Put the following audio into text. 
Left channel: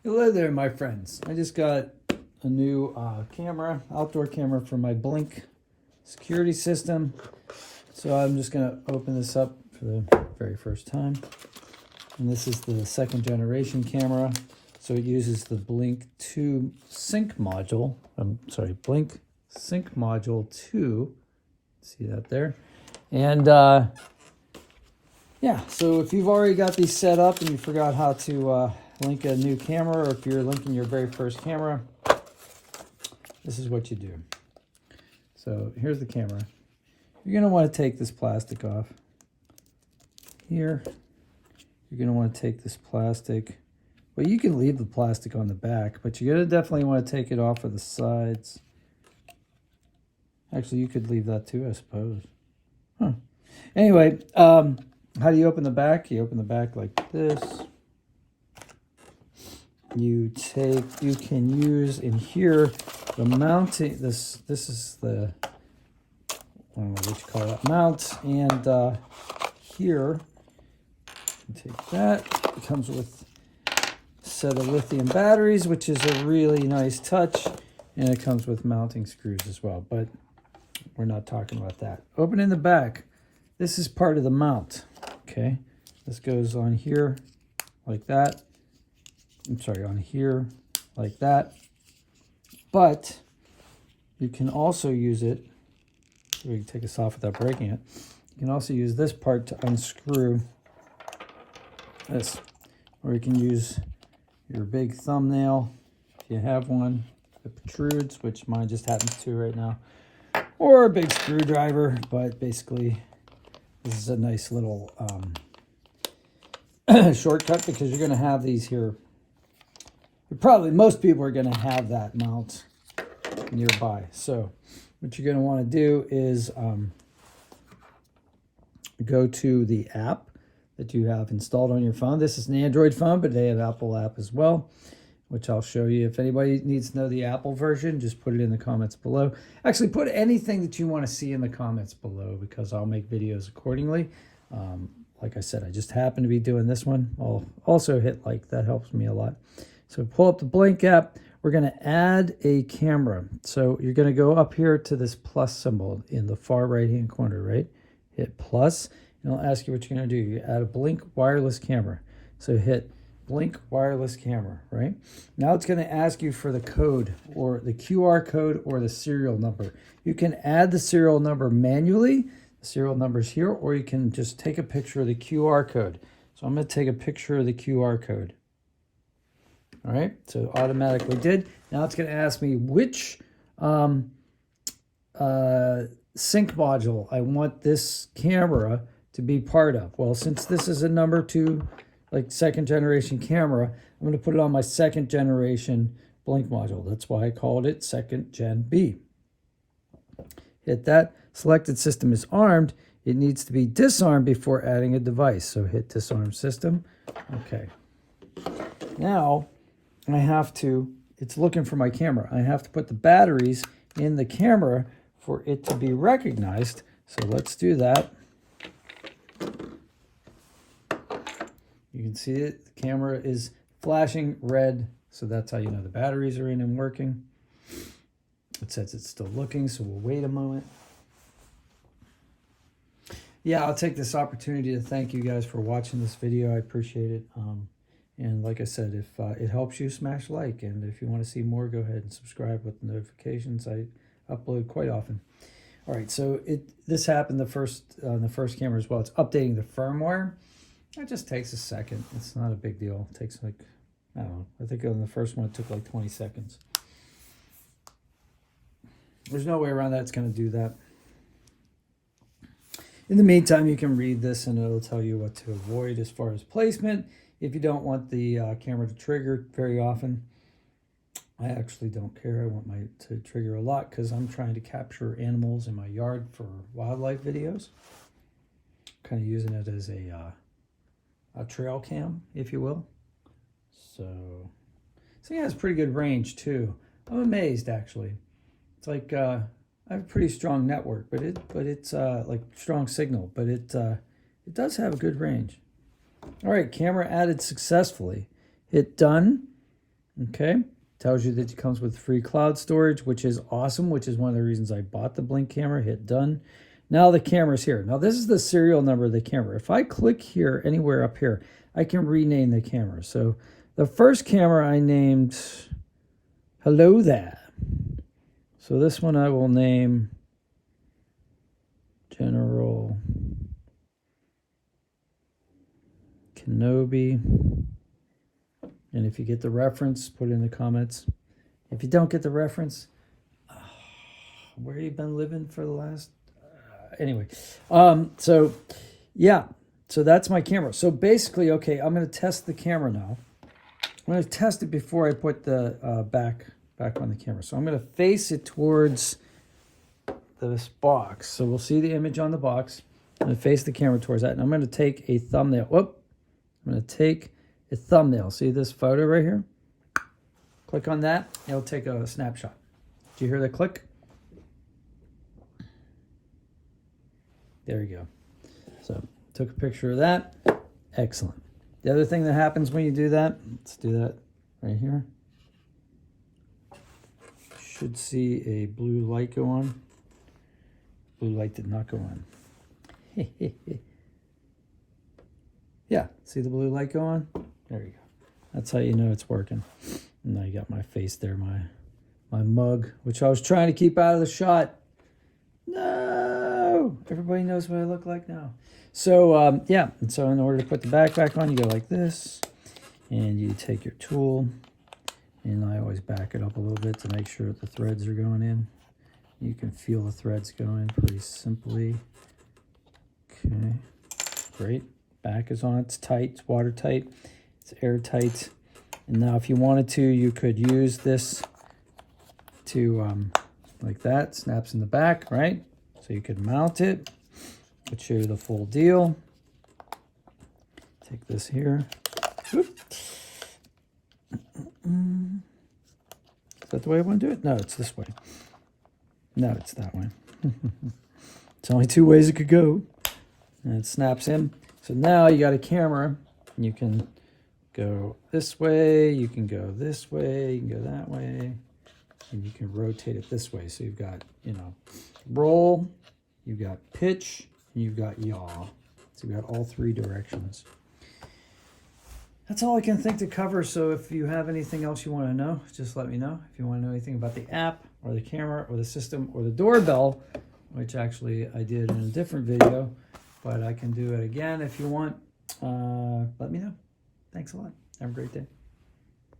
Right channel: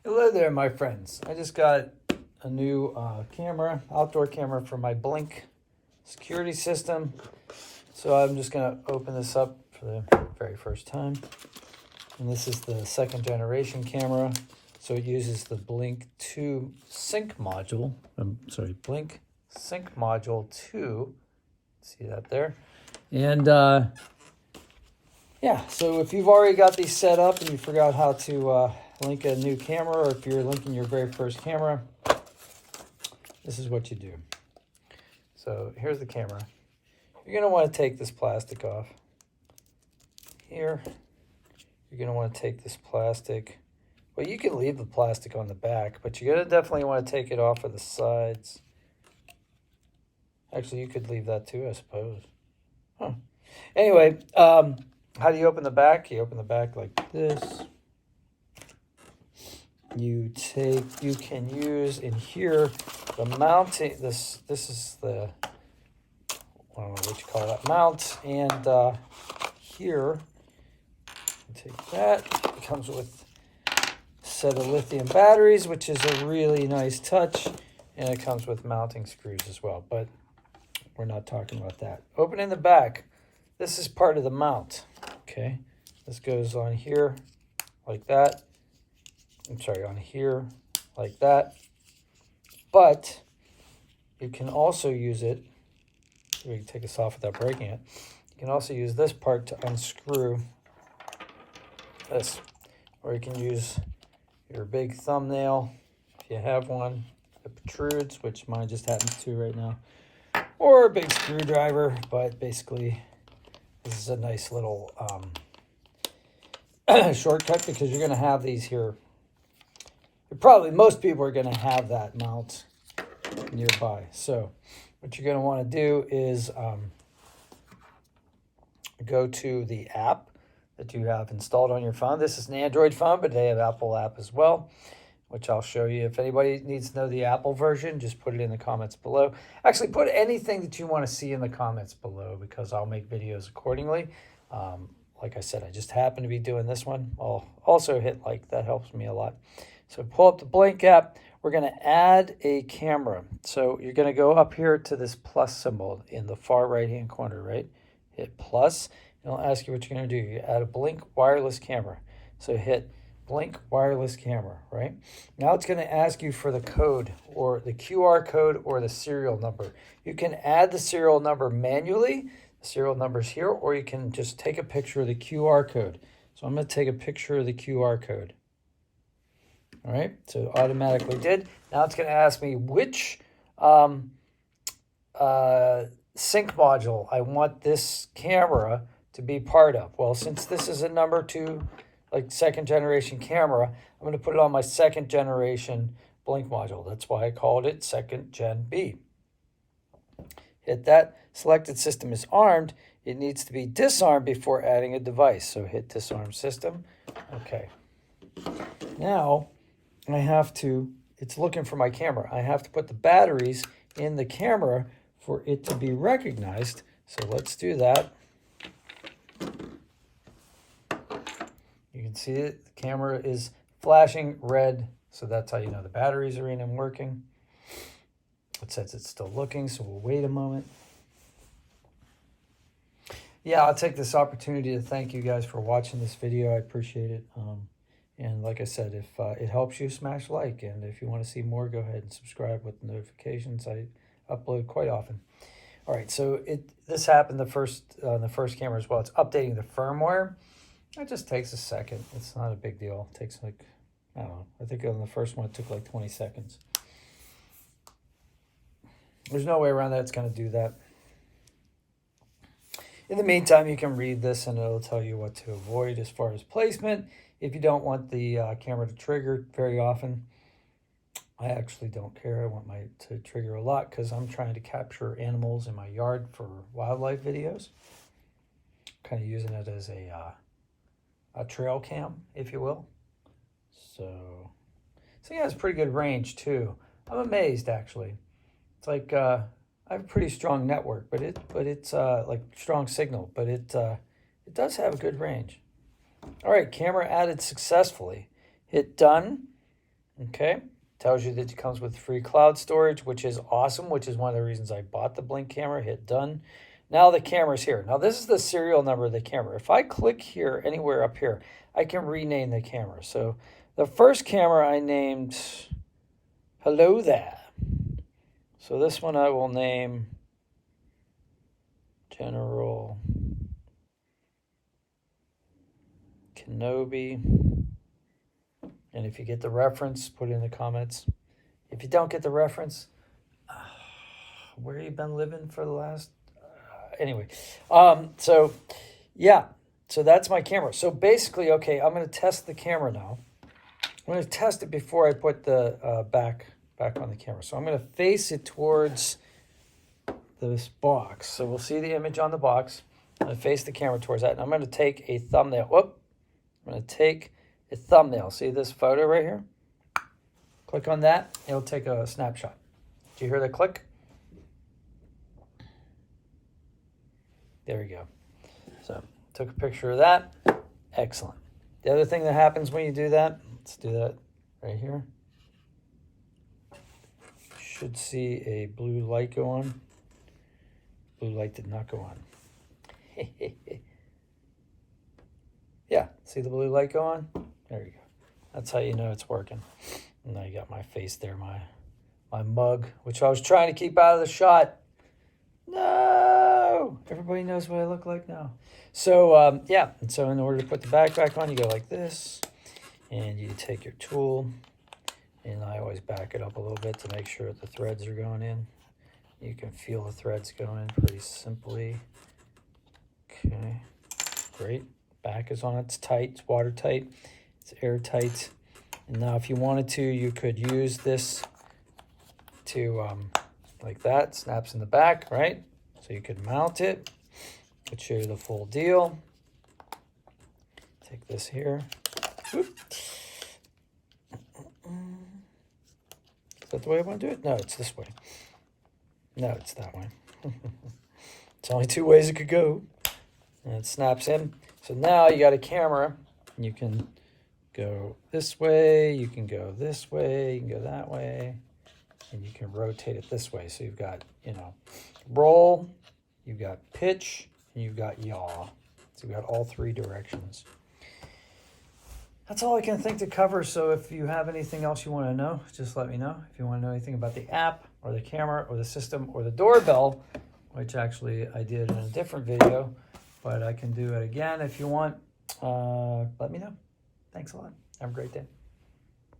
Hello there, my friends. I just got a new camera, outdoor camera for my Blink security system. So I'm just going to open this up for the very first time. And this is the second generation camera. So it uses the Blink 2 sync module. Blink sync module 2. See that there? And yeah, so if you've already got these set up and you forgot how to link a new camera, or if you're linking your very first camera, this is what you do. So here's the camera. You're going to want to take this plastic off. Here, you're going to want to take this plastic. Well, you can leave the plastic on the back, but you're going to definitely want to take it off of the sides. Actually, you could leave that too, I suppose. Huh. Anyway, how do you open the back? You open the back like this. You can use in here the mounting. This is the, I don't know what you call it, mount. And here, take that. It comes with a set of lithium batteries, which is a really nice touch. And it comes with mounting screws as well, but we're not talking about that. Open in the back. This is part of the mount. Okay, this goes on here like that. I'm sorry, on here like that. But you can also use it, we can take this off without breaking it. You can also use this part to unscrew this. Or you can use your big thumbnail, if you have one that protrudes, which mine just happens to right now. Or a big screwdriver, but basically this is a nice little shortcut, because you're going to have these here. Probably most people are going to have that mount nearby. So what you're going to want to do is go to the app that you have installed on your phone. This is an Android phone, but they have Apple app as well, which I'll show you. If anybody needs to know the Apple version, just put it in the comments below. Actually, put anything that you want to see in the comments below, because I'll make videos accordingly. Like I said, I just happen to be doing this one. I'll also hit like, that helps me a lot. So pull up the Blink app. We're going to add a camera. So you're going to go up here to this plus symbol in the far right-hand corner, right? Hit plus, and it'll ask you what you're going to do. You add a Blink wireless camera. So hit Blink wireless camera, right? Now it's going to ask you for the code, or the QR code, or the serial number. You can add the serial number manually. The serial number's here, or you can just take a picture of the QR code. So I'm going to take a picture of the QR code. All right, so automatically did. Now it's going to ask me which sync module I want this camera to be part of. Well, since this is a number 2, like second generation camera, I'm going to put it on my second generation Blink module. That's why I called it second gen B. Hit that. Selected system is armed. It needs to be disarmed before adding a device. So hit disarm system. Okay. Now I have to, it's looking for my camera. I have to put the batteries in the camera for it to be recognized. So let's do that. You can see it, the camera is flashing red. So that's how you know the batteries are in and working. It says it's still looking, so we'll wait a moment. Yeah, I'll take this opportunity to thank you guys for watching this video. I appreciate it. And like I said, if it helps you, smash like. And if you want to see more, go ahead and subscribe with notifications. I upload quite often. All right, so this happened the first camera as well. It's updating the firmware. It just takes a second. It's not a big deal. It takes like, I don't know. I think on the first one it took like 20 seconds. There's no way around that. It's going to do that. In the meantime, you can read this and it'll tell you what to avoid as far as placement. If you don't want the camera to trigger very often, I actually don't care. I want my to trigger a lot because I'm trying to capture animals in my yard for wildlife videos. Kind of using it as a trail cam, if you will. So yeah, it's pretty good range too. I'm amazed actually. It's like I have a pretty strong network, but it's like strong signal, but it does have good range. All right, camera added successfully. Hit done. Okay, tells you that it comes with free cloud storage, which is awesome, which is one of the reasons I bought the Blink camera. Hit done. Now the camera's here. Now this is the serial number of the camera. If I click here, anywhere up here, I can rename the camera. So the first camera I named Hello There. So this one I will name General Kenobi. And if you get the reference, put it in the comments. If you don't get the reference, where you been living for the last... anyway, so yeah, so that's my camera. So basically, okay, I'm going to test the camera now. I'm going to test it before I put the back on the camera. So I'm going to face it towards this box. So we'll see the image on the box. I'm going to face the camera towards that. And I'm going to take a thumbnail. Whoop. I'm going to take a thumbnail. See this photo right here? Click on that. It'll take a snapshot. Do you hear the click? There you go. So took a picture of that. Excellent. The other thing that happens when you do that, let's do that right here. Should see a blue light go on. Blue light did not go on. Yeah, see the blue light go on? There you go. That's how you know it's working. And now you got my face there, my mug, which I was trying to keep out of the shot. No! Everybody knows what I look like now. So, yeah. And so in order to put the back on, you go like this. And you take your tool. And I always back it up a little bit to make sure that the threads are going in. You can feel the threads going pretty simply. Okay. Great. Back is on. It's tight. It's watertight. It's airtight. And now if you wanted to, you could use this to, like that. Snaps in the back, right? So you could mount it. Could show you the full deal. Take this here. Oop. Is that the way I want to do it? No, it's this way. No, it's that way. It's only two ways it could go. And it snaps in. So now you got a camera. You can go this way. You can go this way. You can go that way. And you can rotate it this way. So you've got, you know, roll, you've got pitch, and you've got yaw. So you've got all three directions. That's all I can think to cover. So if you have anything else you want to know, just let me know. If you want to know anything about the app or the camera or the system or the doorbell, which actually I did in a different video, but I can do it again if you want. Let me know. Thanks a lot. Have a great day.